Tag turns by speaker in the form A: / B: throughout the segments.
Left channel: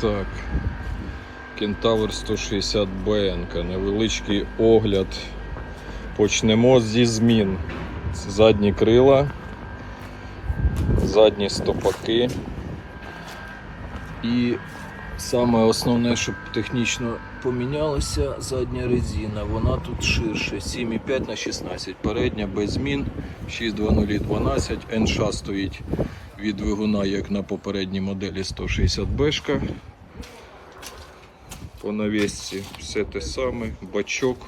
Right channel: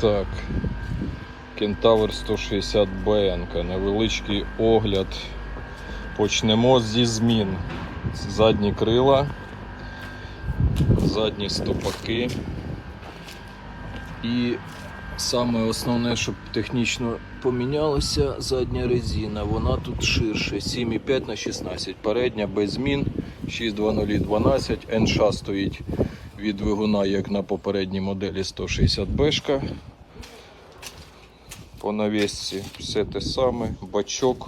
A: Так. Кентавр 160 БНК. Невеличкий огляд. Почнемо зі змін. Задні крила, задні стопаки. І саме основне, щоб технічно помінялося, задня резина. Вона тут ширше 7,5 на 16. Передня без змін 62012. НШ стоїть від двигуна, як на попередній моделі 160 бешка. По навісці все те саме, бачок,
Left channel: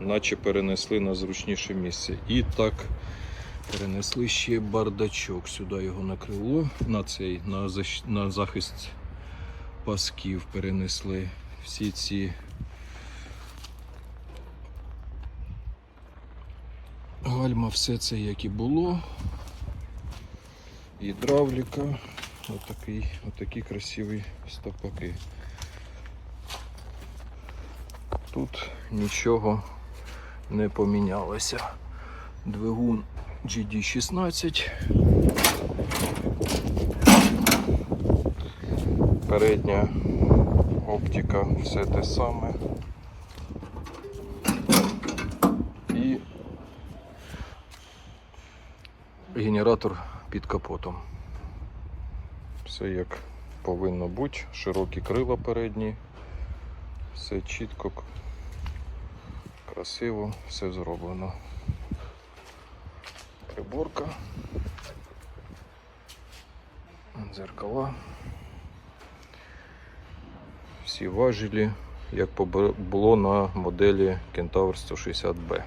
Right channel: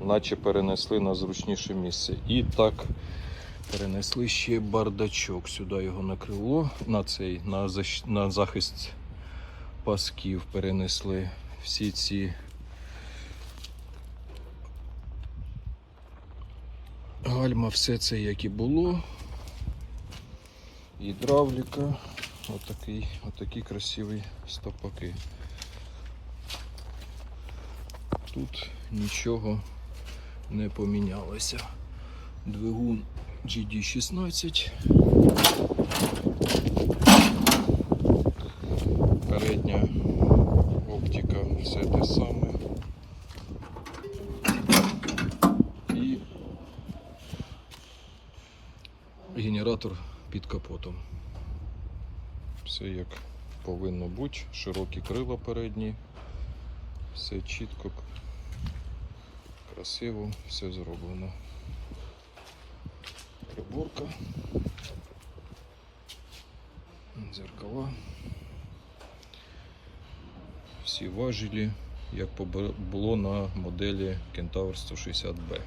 A: наче перенесли на зручніше місце. І так перенесли ще бардачок. Сюди його на крило, на цей, на, защ- на захист пасків перенесли всі ці гальма, все це як і було. Гідравліка, отакий, отакі красиві стопаки. Тут нічого не помінялося. Двигун GD16. Передня оптика, все те саме. І генератор під капотом. Все як повинно бути. Широкі крила передні. Все чітко, красиво, все зроблено. Приборка. Дзеркала. Всі важелі, як було на моделі Кентавр 160B.